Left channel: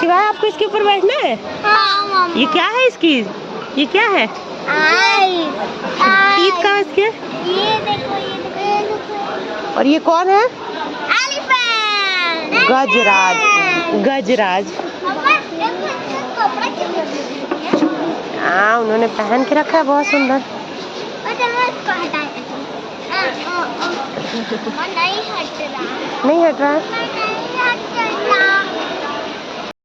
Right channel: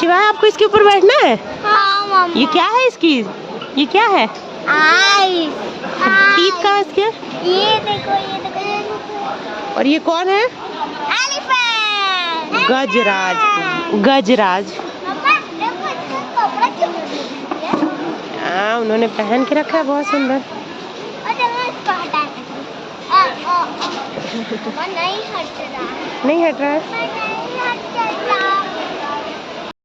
शिवाय आपको इसके ऊपर बैठना है? हाँ, ये क्या है इसकी? ये क्या है? ईद का इसके? ये देखो, ये देखो, ये देखो। और ये कौन है? एलिफेंट। गजराज। गजराज। हाँ, उन्होंने पहन के रखा है, बहुत सुंदर। नहीं हट रहा है।